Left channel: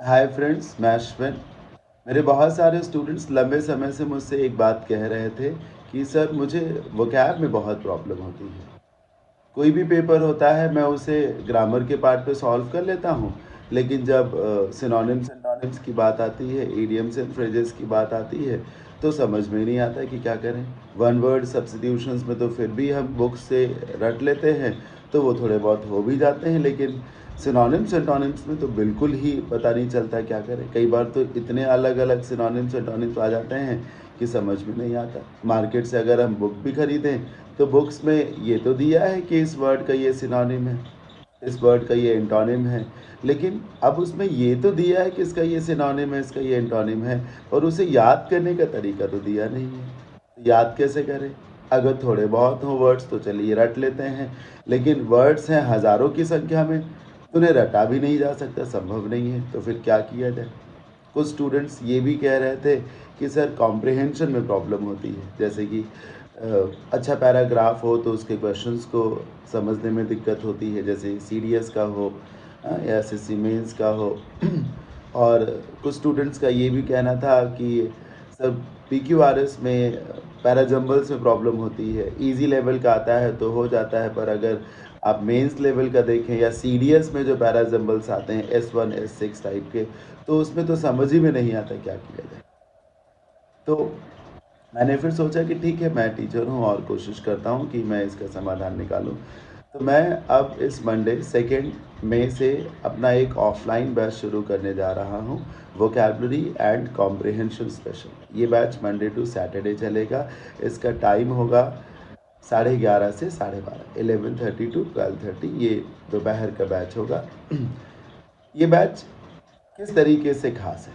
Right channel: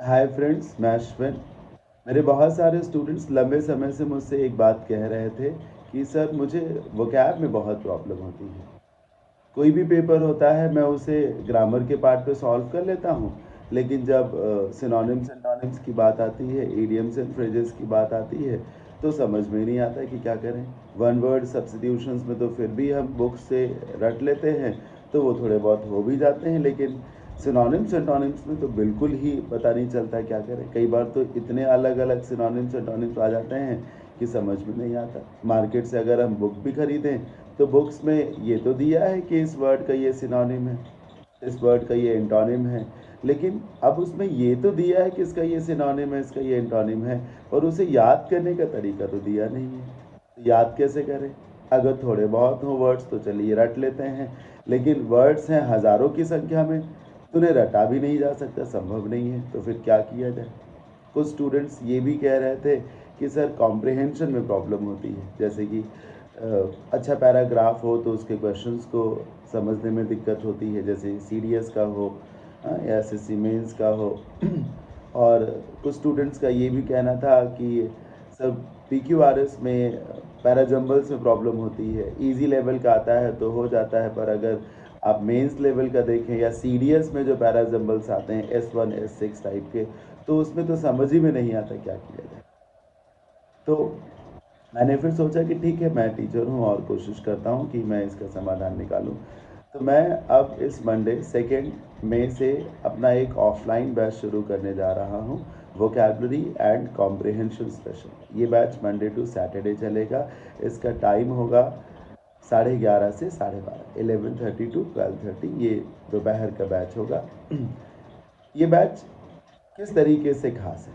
Hi friends, मैं अश्विन। मेरे बहुत सारे स्टूडेंट्स लंबे समय से मुझसे एक बात कह रहे थे कि सर मुझे वोकैब में बहुत प्रॉब्लम होती है। कोई भी पेपर होता है मैं उसे ग्रामर के पार्ट पे सॉल्व कर लेता हूँ, लेकिन जब सिनोनिम्स एंटोनिम्स की बात आती है, इडियम्स एंड फ्रेजेस की बात आती है, तो समझ में नहीं आता कि क्या करें। वन वर्ड सब्स्टिट्यूशंस में तो फिर भी हम बुक्स से रट लेते हैं, तो वो थोड़े बहुत हो भी जाते हैं, लेकिन सिनोनिम्स एंटोनिम्स में तो बिल्कुल ही पता नहीं चलता क्या करें। कई बार तो इतने अलग अलग सिनोनिम्स एंटोनिम्स आ जाते हैं कि समझ में नहीं आता। मार्केट से अगर हम बुक भी खरीदें तो बुक्स में ये तो दिया है कि इस वर्ड का ये सिनोनिम है, इस वर्ड का ये एंटोनिम है, लेकिन अब उसमें ये तो दिया है कि इसका ये सिनोनिम है, इसका ये एंटोनिम है, और उसे याद करने का तरीका तो दिया नहीं है। तो याद कैसे करें? अगर थोड़े बहुत हों वर्ड्स तो चलिए रट लेते हैं, लेकिन वर्ड्स हैं हज़ारों की संख्या में, तो उन्हें रटा भी नहीं जा सकता, संभव नहीं है। तो फिर क्या किया जाए? कुछ स्टूडेंट्स ये भी कह रहे थे कि सर कॉम्प्रिहेंशन में प्रॉब्लम होती है, जैसे कि अच्छा पैराग्राफ हो तो उसके क्वेश्चंस को समझने में दिक्कत होती है, जैसे सीडीएस का हो या एसएससी मेंस का हो। और कुछ स्टूडेंट्स का ये भी कहना था कि सर पीक्यूआरएस में पैराजम्बल्स में प्रॉब्लम होती है। इजी लेवल का आता है तो हो जाता है, पर अगर आप मेंस लेवल का देखें या सीडीएस में जो पैराजम्बल्स आते हैं S1 S6 टाइप के, तो उसमें तो समझ ही में नहीं आता क्या किया जाए। तो मैंने फिर सोचा कि ठीक है, मैं टीचर हूँ और कोशिश करता हूँ कि मैं इसका समाधान निकालूँ। तो मैं अब इस मंडे 2 मई से अपना एक ऑफलाइन बैच शुरू करने जा रहा हूँ, वोकैबुलरी एंड कॉम्प्रिहेंशन स्पेशल। ये बैच मंडे टू सैटरडे चलेगा। इसका टाइम होगा 11:30 से 12:30, 11:30 टू 12:30, ये दोपहर का बैच होगा। ये बैच किस तरीके से खास है?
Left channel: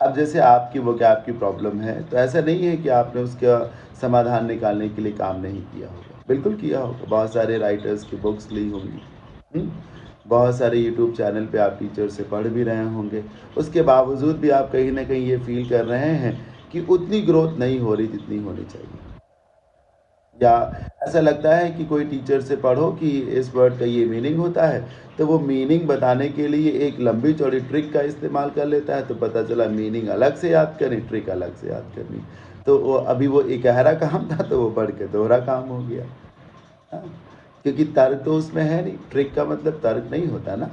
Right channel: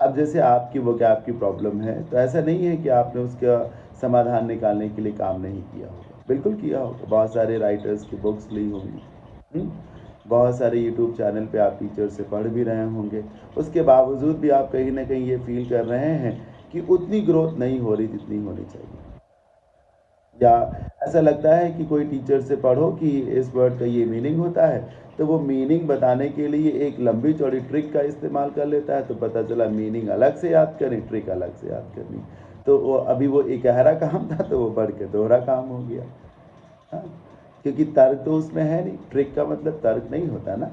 अब जैसे आपकी वोकैब की प्रॉब्लम है, तो ऐसा नहीं है कि आपने उसका समाधान निकालने के लिए काम नहीं किया होगा। बिल्कुल किया होगा, बहुत सारे राइटर्स की बुक्स ली होंगी, बहुत सारे यूट्यूब चैनल पे आप टीचर से पढ़ भी रहे होंगे। उसके बावजूद भी आप कहीं ना कहीं ये फील कर रहे हैं कि उतनी ग्रोथ नहीं हो रही जितनी होनी चाहिए। या ऐसा लगता है कि कोई टीचर से पढ़ो कि इस वर्ड का ये मीनिंग होता है, तो वो मीनिंग बताने के लिए एक लंबी चौड़ी ट्रिक का इस्तेमाल कर लेता है, तो पता चला मीनिंग अलग से याद करनी, ट्रिक अलग से याद करनी। तो वो अभी वो इकहरा काम था तो वो पढ़ के दोहरा काम हो गया। हाँ, क्योंकि तर्क तो उसमें है नहीं, ट्रिक का मतलब तर्क नहीं होता ना।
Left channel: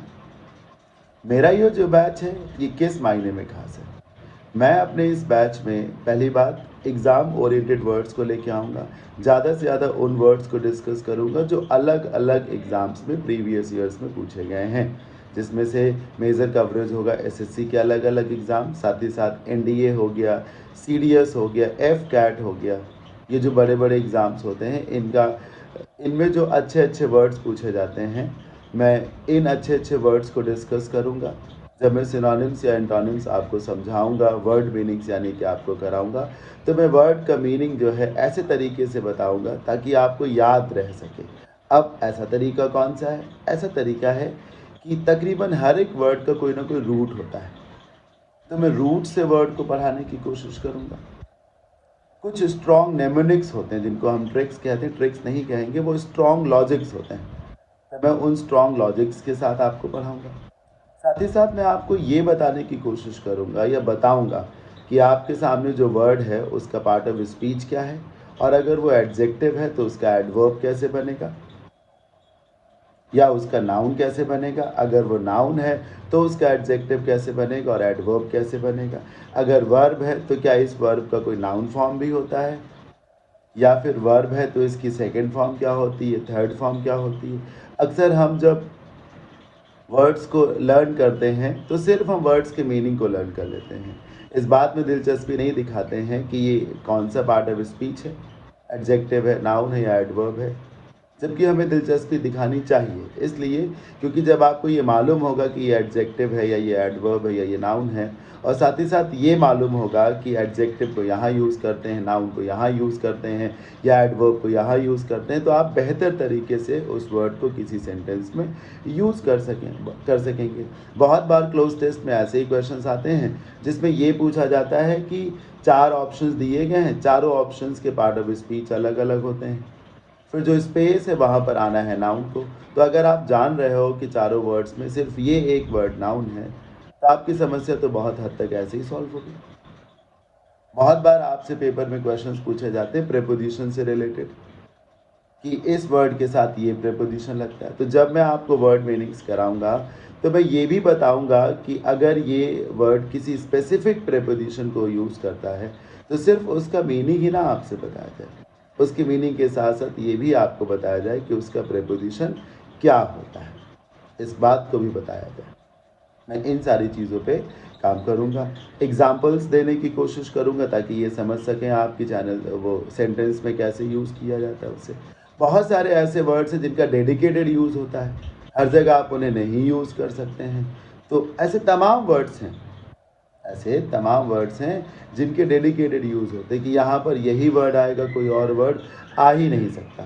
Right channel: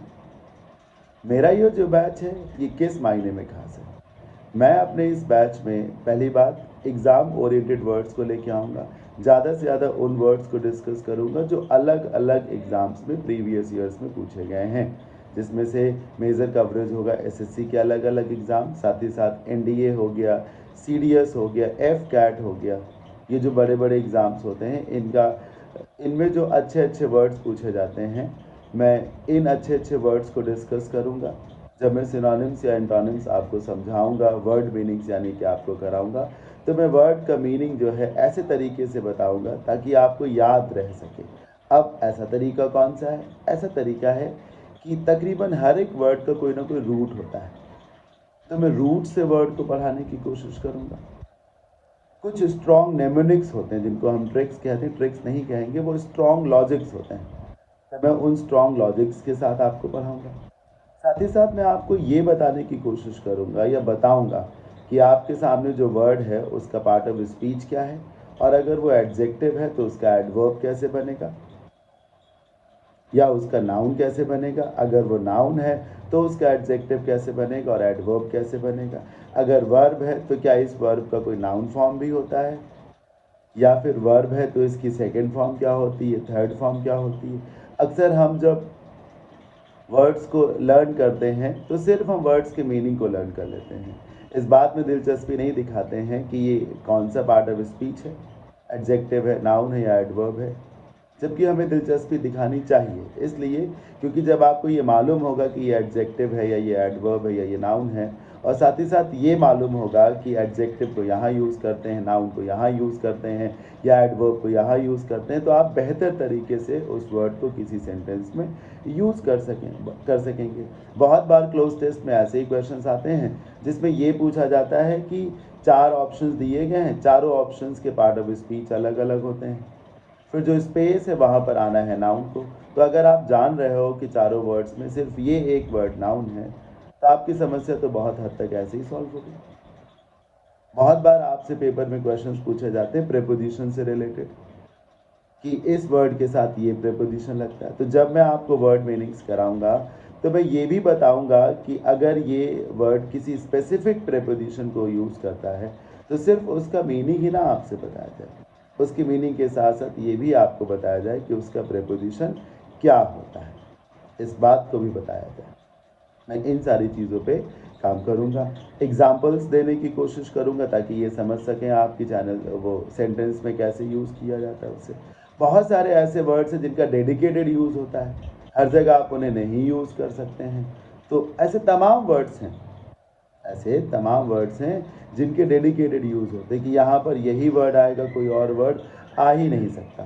मेरा ये जो बैच है ये किस मायने में खास है? मैं अपने इस बैच में पहली बात एग्ज़ाम ओरिएंटेड वर्ड्स को लेके आऊँगा। ज़्यादा से ज़्यादा उन वर्ड्स को डिस्कस करूँगा जो अलग अलग एग्ज़ाम्स में प्रीवियस ईयर्स में पूछे गए हैं, जिसमें से मेजर कवरेज होगा एसएससी के अलग अलग एग्ज़ाम, साथ ही साथ एनडीए हो गया, सीडीएस हो गया, एफ कैट हो गया। ये जो बड़े बड़े एग्ज़ाम्स होते हैं इनका, इनमें जो अच्छे अच्छे वर्ड्स पूछे जाते हैं, मैं इन अच्छे अच्छे वर्ड्स को डिस्कस करूँगा। जब मैं सिनोनिम्स या एंटोनिम्स आपको समझाऊँगा, वर्ड मीनिंग्स यानी कि आपको कराऊँगा, तो मैं वर्ड का मीनिंग जो है ऐसे तरीके से बताऊँगा ताकि आपको याद रह सके। अब ऐसा तरीका कौन सा है? ऐसा तरीका है कि तकरीबन हर एक वर्ड का कोई ना कोई रूट होता है, तो मैं रूट से वर्ड को पढ़ाने की कोशिश करूँगा। कुछ स्ट्रॉन्ग नेमोनिक्स होते हैं जिनको हम ट्रिक्स कहते हैं, ट्रिक्स नहीं कहेंगे, वो स्ट्रॉन्ग लॉजिक्स होते हैं, तो मैं उन स्ट्रॉन्ग लॉजिक्स के साथ आपको पढ़ाऊँगा। साथ ही साथ मैं आपको ये बताने की कोशिश करूँगा या बताऊँगा कि आपके सामने जो वर्ड है उसका पार्ट ऑफ स्पीच क्या है, और अगर वो एडजेक्टिव है तो उसका एडवर्ब कैसे बनेगा, या उसका नाउन कैसे बनेगा। अगर वो नाउन है तो उसका एडजेक्टिव कैसे बनेगा और एडवर्ब कैसे बनेगा। अगर वर्ब है तो क्या इस वर्ब का कोई नाउन फॉर्म भी होता है, या फिर वर्ब है तो इसकी सेकंड फॉर्म क्या होती है, थर्ड फॉर्म क्या होती है। अक्सर हम जब वर्ड्स को लर्न करते हैं तो सिर्फ हम वर्ड्स के मीनिंग को लर्न कर लेते हैं, इस बात में दिलचस्पी नहीं दिखाते हैं कि ये कौन सा पार्ट ऑफ स्पीच है, एडजेक्टिव है, नाउन है या एडवर्ब है। जबकि हमें दिलचस्पी दिखानी चाहिए, इसलिए क्योंकि जब आपको ये मालूम होगा कि ये एडजेक्टिव है या ये एडवर्ब है या ये नाउन है, और साथ ही साथ ये मालूम होगा कि एडजेक्टिव को यहाँ यूज़ करते हैं, नाउन को यहाँ यूज़ करते हैं या एडवर्ब को यहाँ यूज़ करते हैं, तो आप बेहतर तरीके से उस वर्ड को किसी सेंटेंस में यूज़ कर सकेंगे। बहुत बार क्लोज टेस्ट में ऐसे ही क्वेश्चंस आते हैं जिसमें ये पूछा जाता है कि 4 ऑप्शंस दिए गए हैं, चारों ऑप्शंस के पार्ट ऑफ स्पीच अलग अलग होते हैं, फिर जो स्पेस है वहाँ पर आना है नाउन को। तो अगर आप जान रहे हो कि चारों वर्ड्स में सिर्फ ये एक वर्ड नाउन है, तो आपकी समस्या तो बहुत हद तक ऐसे ही सॉल्व होगी। बहुत बार आपसे पेपर में क्वेश्चंस पूछे जाते हैं प्रीपोजिशन से रिलेटेड कि इस वर्ड के साथ ये प्रीपोजिशन लगता है। तो जब मैं आपको वर्ड मीनिंग्स कराऊंगा तो मैं ये भी बताऊंगा कि अगर ये वर्ड किसी स्पेसिफिक प्रीपोजिशन को यूज़ करता है तो सिर्फ उसका मीनिंग ही ना आपसे बताया जाए, उसकी मीनिंग के साथ साथ ये भी आपको बताया जाए कि उसका प्रीपोजिशन क्या होता है, इस बात को भी बताया जाए। मैं इन सारी चीज़ों पे काम करूँगा, एग्जाम्पल्स देने की कोशिश करूँगा ताकि ये समझ सकें आप कि चैनल वो सेंटेंस में कैसे यूज़ किया जाता है उससे। बहुत सारे ऐसे वर्ड्स हैं जिनका डेडिकेटेड यूज़ होता है, हर जगह आप उन्हें नहीं यूज़ कर सकते हैं। तो ऐसे तमाम वर्ड्स हैं जिनके डेडिकेटेड यूज़ होते हैं कि यहाँ पर यही वर्ड आएगा, कोई और वर्ड आ ही नहीं सकता।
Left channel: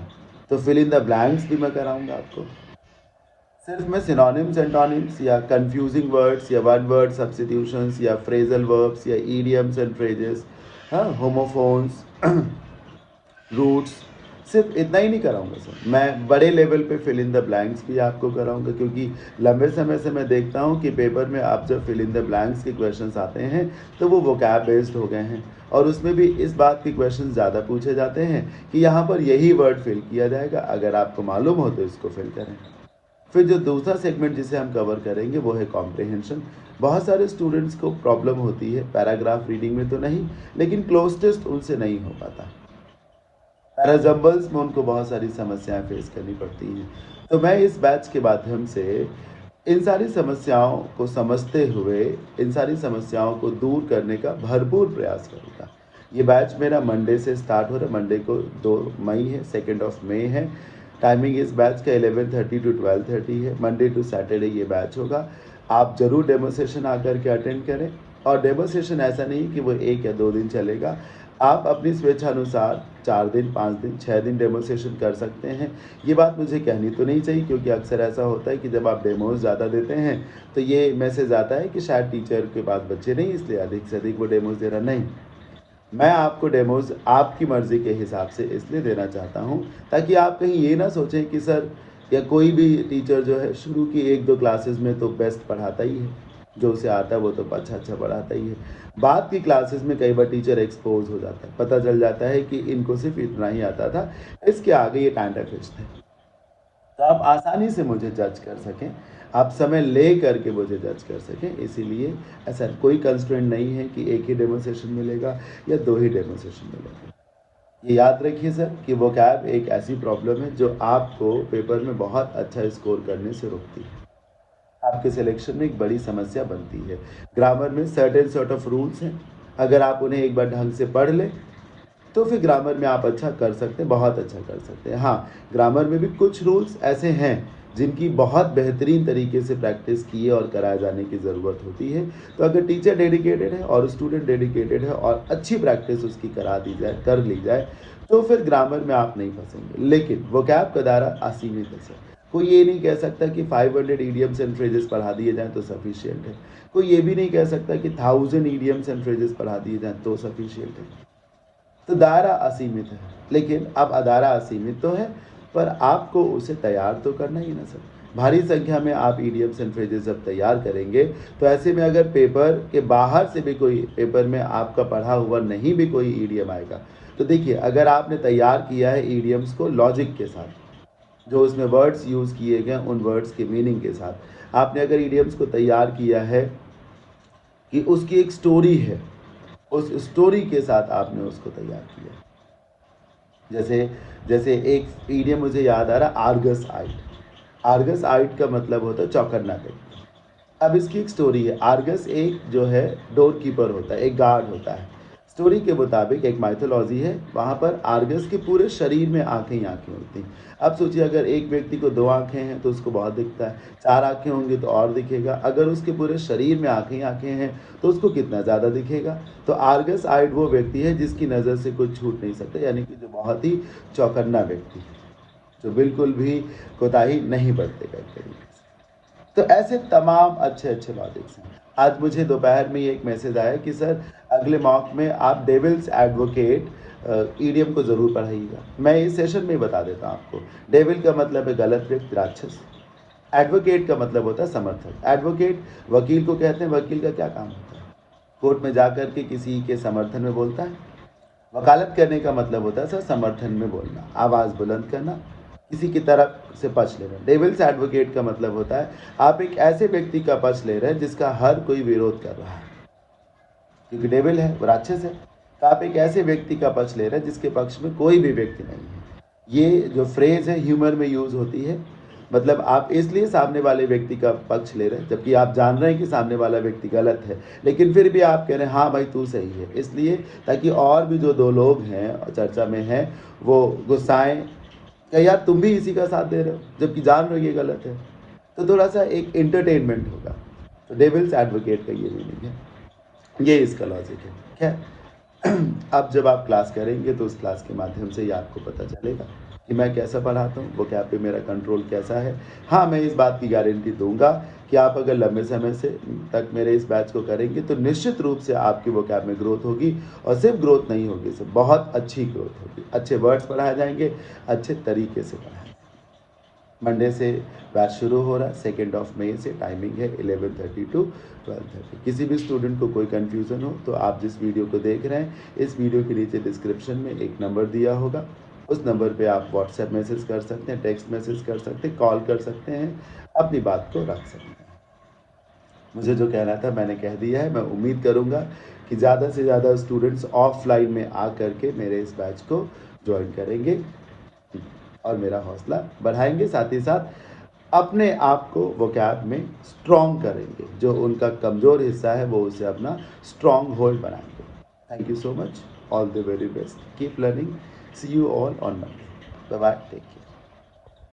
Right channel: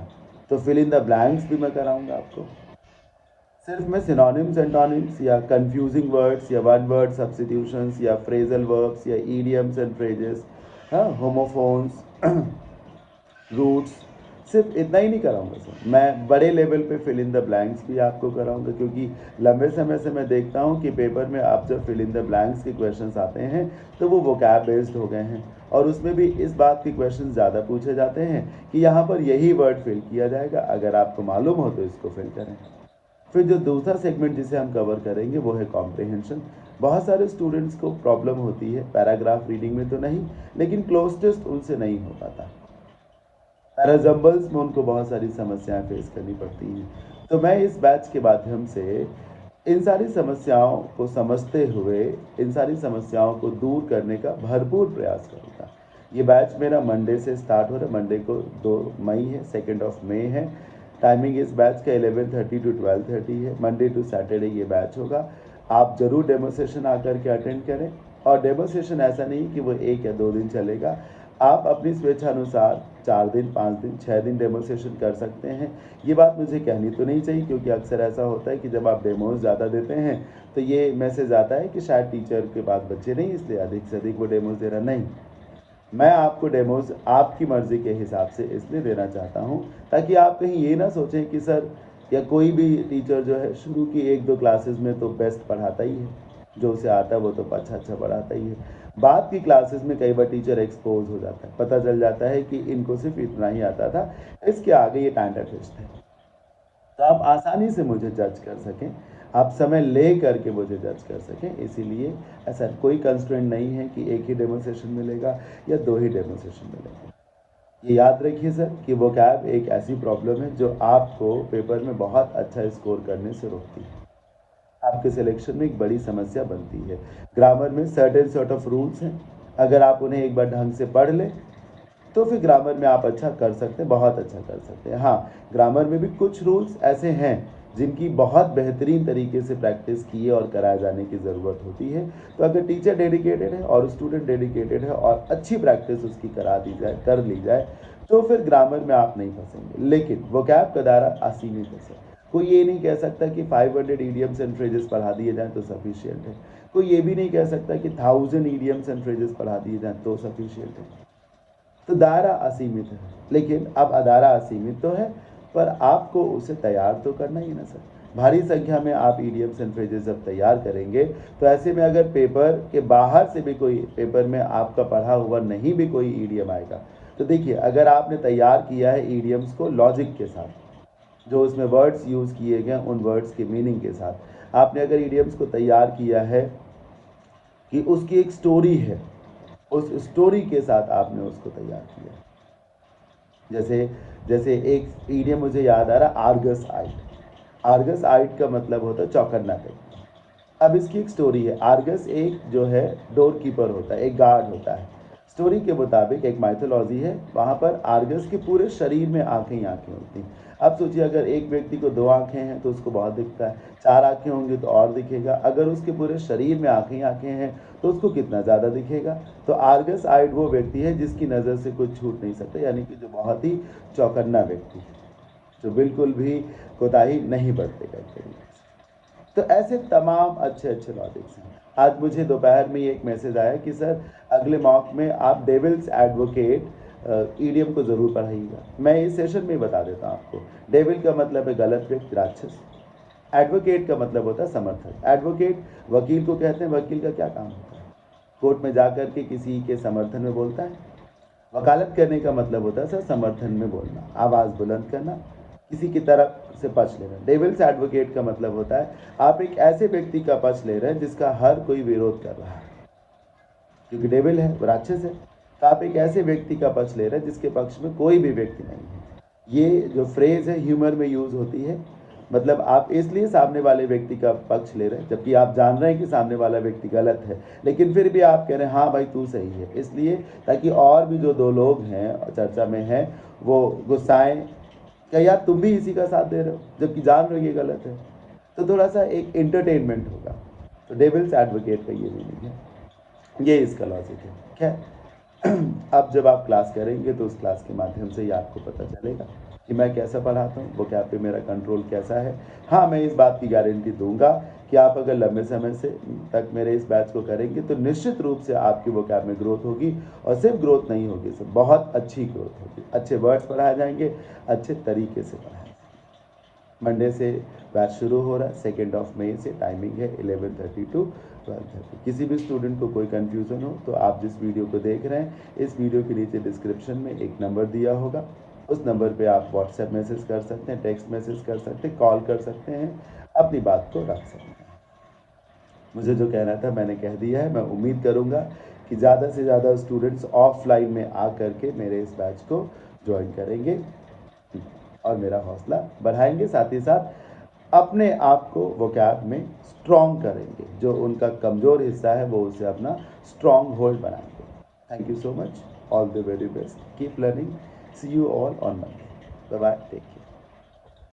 तो फिल इन द ब्लैंक्स भी मैं कराऊँगा आपको। सिर्फ मैं सिनोनिम्स एंटोनिम्स या कंफ्यूजिंग वर्ड्स या वन वर्ड सब्स्टिट्यूशंस या फ्रेजल वर्ब्स या ईडियम्स एंड फ्रेजेस, हाँ, होमोफोन्स, रूट्स, सिर्फ इतना ही नहीं कराऊंगा सर, मैं बड़े लेवल पे फिल इन द ब्लैंक्स भी आपको कराऊंगा, क्योंकि लंबे समय से मैं देखता हूँ कि पेपर में आप जब फिल इन द ब्लैंक्स के क्वेश्चंस आते हैं तो वो वोकैब बेस्ड हो गए हैं और उसमें भी इस बात के क्वेश्चन ज़्यादा पूछे जाते हैं कि यहाँ पर यही वर्ड फिल किया जाएगा, अगर आपको मालूम हो तो इसको फिल करें। फिर जो दूसरा सेगमेंट जिसे हम कवर करेंगे वो है कॉम्प्रिहेंशन। बहुत सारे स्टूडेंट्स को प्रॉब्लम होती है पैराग्राफ रीडिंग में तो नहीं, लेकिन क्लोज टेस्ट उनसे नहीं हो पाता, पैराजम्बल्स में उनको बहुत सारी समस्याएं फेस करनी पड़ती हैं। तो मैं इस बैच के माध्यम से इन सारी समस्याओं को समझते हुए इन सारी समस्याओं को दूर करने का भरपूर प्रयास करूँगा। ये बैच मेरा मंडे से स्टार्ट हो रहा है, मंडे को 2 मई है, 2 ऑफ मई है। टाइमिंग इस बैच का 11:30 to 12:30 है, मंडे टू सैटरडे ये बैच होगा। आप ज़रूर डेमो सेशन आकर के अटेंड करें, और डेमो सेशन ऐसा नहीं कि वो 1 या 2 दिन चलेगा, आप अपनी स्वेच्छानुसार 4 दिन, 5 दिन, 6 दिन डेमो सेशन कर सकते हैं। ये बात मुझे कहनी तो नहीं चाहिए, क्योंकि अक्सर ऐसा होता है कि जब आप डेमोज़ ज़्यादा देते हैं तो ये मैसेज आता है कि शायद टीचर के पास बच्चे नहीं, इसलिए अधिक से अधिक वो डेमोज़ दे रहा। नहीं, मैं आपको डेमोज़ आपकी मर्ज़ी के हिसाब से इसलिए देना चाहता हूँ ताकि आप कहीं ये ना सोचें कि सर या कोई भी टीचर जो है शुरू की 1-2 क्लासेस में तो बेस्ट पढ़ाता ही है, जो उसे आता है वो तो अच्छा पढ़ाता ही है। बाद की क्लासेस में कई बार टीचर एक्सपोज हो जाता है, पता चल जाता है कि इनको सिर्फ इतना ही आता था, इसके आगे ये टाइम थे। तो आप आसानी से मुझे जज कर सकें, आप समय ले करके मुझे जज कर सकें, इसीलिए ऐसा कोई कंस्ट्रेंट नहीं है कि एक ही डेमो सेशन मिलेगा या 2 ही डेमो सेशन मिलेगा। ये याद रखिए सर कि वोकैब एक ऐसी प्रॉब्लम है जो आपको पेपर में बहुत अच्छा स्कोर करने से रोकती है, आपके सिलेक्शन में एक बड़ी समस्या बनती है। ग्रामर में सर्टेन सॉर्ट ऑफ रूल्स हैं, अगर आप उन्हें एक बार ढंग से पढ़ लें तो फिर ग्रामर में आप अच्छा कर सकते हैं, बहुत अच्छा कर सकते हैं। हाँ, ग्रामर में भी कुछ रूल्स ऐसे हैं जिनकी बहुत बेहतरीन तरीके से प्रैक्टिस किए और कराए जाने की ज़रूरत होती है। तो अगर टीचर डेडिकेटेड है और स्टूडेंट डेडिकेटेड है और अच्छी प्रैक्टिस उसकी करा दी जाए, कर ली जाए, तो फिर ग्रामर में आप नहीं फंसेंगे। लेकिन वोकैब का दायरा असीमित है सर, कोई ये नहीं कह सकता कि 500 ईडियम्स एंड फ्रेजेस पढ़ा दिए जाएँ तो सफिशिएंट है, कोई ये भी नहीं कह सकता कि 1000 ईडियम्स एंड फ्रेजेस पढ़ा दिए जाएँ तो सफिशिएंट है। तो दायरा असीमित है, लेकिन अब दायरा असीमित तो है, पर आपको उसे तैयार तो करना ही ना सर। भारी संख्या में आप ईडियम्स एंड फ्रेजेस जब तैयार करेंगे तो ऐसे में अगर पेपर के बाहर से भी कोई पेपर में आपका पढ़ा हुआ नहीं भी कोई ईडियम आएगा, तो देखिए अगर आपने तैयार किया है ईडियम्स को लॉजिक के साथ, जो उसमें वर्ड्स यूज़ किए गए उन वर्ड्स के मीनिंग के साथ, आपने अगर ईडियम्स को तैयार किया है कि उसकी एक स्टोरी है, उस स्टोरी के साथ आपने उसको तैयार किया। जैसे जैसे एक ईडियम मुझे याद आ रहा, आर्गस आइट। आर्गस आइट का मतलब होता है चौकन्ना व्यक्ति। अब इसकी एक स्टोरी है। आर्गस एक जो है डोर कीपर होता है, एक गार्ड होता है। स्टोरी के मुताबिक एक माइथोलॉजी है, वहाँ पर आर्गस के पूरे शरीर में आंखें ही आंखें होती हैं। अब सोचिए अगर एक व्यक्ति को 2 आंखें हैं तो उसको बहुत दिखता है, 4 आंखें होंगी तो और दिखेगा, अगर उसके पूरे शरीर में आंखें ही आंखें हैं तो उसको कितना ज़्यादा दिखेगा। तो आर्गस आइड वो व्यक्ति है जिसकी नज़र से कुछ छूट नहीं सकता, यानी कि जो बहुत ही चौकन्ना व्यक्ति है, जो बिल्कुल भी कोताही नहीं बरतेगा एक तरीके से। तो ऐसे तमाम अच्छे अच्छे लॉजिक्स हैं। आज मुझे दोपहर में एक मैसेज आया कि सर अगले मॉक में आप डेविल्स एडवोकेट ईडियम को ज़रूर पढ़ाइएगा। मैं इस सेशन में बता देता हूँ आपको, डेविल का मतलब है गलत व्यक्ति, राक्षस। एडवोकेट का मतलब होता है समर्थक। एडवोकेट वकील को कहते हैं। वकील का क्या काम होता है? कोर्ट में जाकर के किसी के समर्थन में बोलता है। वकालत करने का मतलब होता है सर समर्थन में बोलना, आवाज़ बुलंद करना, किसी की तरफ से पक्ष लेना। डेविल्स एडवोकेट का मतलब होता है आप एक ऐसे व्यक्ति का पक्ष ले रहे हैं जिसका हर कोई विरोध कर रहा है, क्योंकि डेविल है वो राक्षस है। तो आप एक ऐसे व्यक्ति का पक्ष ले रहे हैं जिसके पक्ष में कोई भी व्यक्ति नहीं है। ये जो फ्रेज है ह्यूमर में यूज होती है, मतलब आप इसलिए सामने वाले व्यक्ति का पक्ष ले रहे हैं जबकि आप जान रहे हैं कि सामने वाला व्यक्ति गलत है, लेकिन फिर भी आप कह रहे हैं हाँ भाई तू सही है, इसलिए ताकि और भी जो दो लोग हैं चर्चा में हैं वो गुस्साएं क्या यार तुम भी इसी का साथ दे रहे हो जबकि जान रहे हो ये गलत है। तो थोड़ा सा एक एंटरटेनमेंट होगा। तो डेविल्स एडवोकेट का ये मीनिंग है, ये इसका लॉजिक है। ठीक है। अब जब आप क्लास करेंगे तो उस क्लास के माध्यम से ही आपको पता चलेगा कि मैं कैसा पढ़ाता हूँ, वो क्या पे मेरा कंट्रोल कैसा है। हाँ, मैं इस बात की गारंटी दूंगा कि आप अगर लंबे समय से तक मेरे इस बैच को करेंगे तो निश्चित रूप से आपकी वो कैब में ग्रोथ होगी, और सिर्फ ग्रोथ नहीं होगी, सिर्फ बहुत अच्छी ग्रोथ होगी। अच्छे वर्ड्स पढ़ाए जाएंगे, अच्छे तरीके से पढ़ाए। मंडे से बैच शुरू हो रहा है, 2 मई से। टाइमिंग है 11:30 टू 12:30। किसी भी स्टूडेंट को कोई कन्फ्यूज़न हो तो आप जिस वीडियो को देख रहे हैं, इस वीडियो के नीचे डिस्क्रिप्शन में एक नंबर दिया होगा, उस नंबर पे आप व्हाट्सएप मैसेज कर सकते हैं, टेक्स्ट मैसेज कर सकते हैं, कॉल कर सकते हैं, अपनी बात को रख सकते हैं। मुझे जो कहना था मैंने कह दिया है। मैं उम्मीद करूँगा कि ज़्यादा से ज़्यादा स्टूडेंट्स ऑफलाइन में आ करके मेरे इस बैच को ज्वाइन करेंगे और मेरा हौसला बढ़ाएंगे, साथ ही साथ अपने आप को वोकैब में स्ट्रॉन्ग करेंगे, जो उनका कमज़ोर हिस्सा है वो उसे अपना स्ट्रॉन्ग होल्ड बनाएंगे। Thank you so much, all the very best, keep learning, see you all on Monday, bye bye, take care.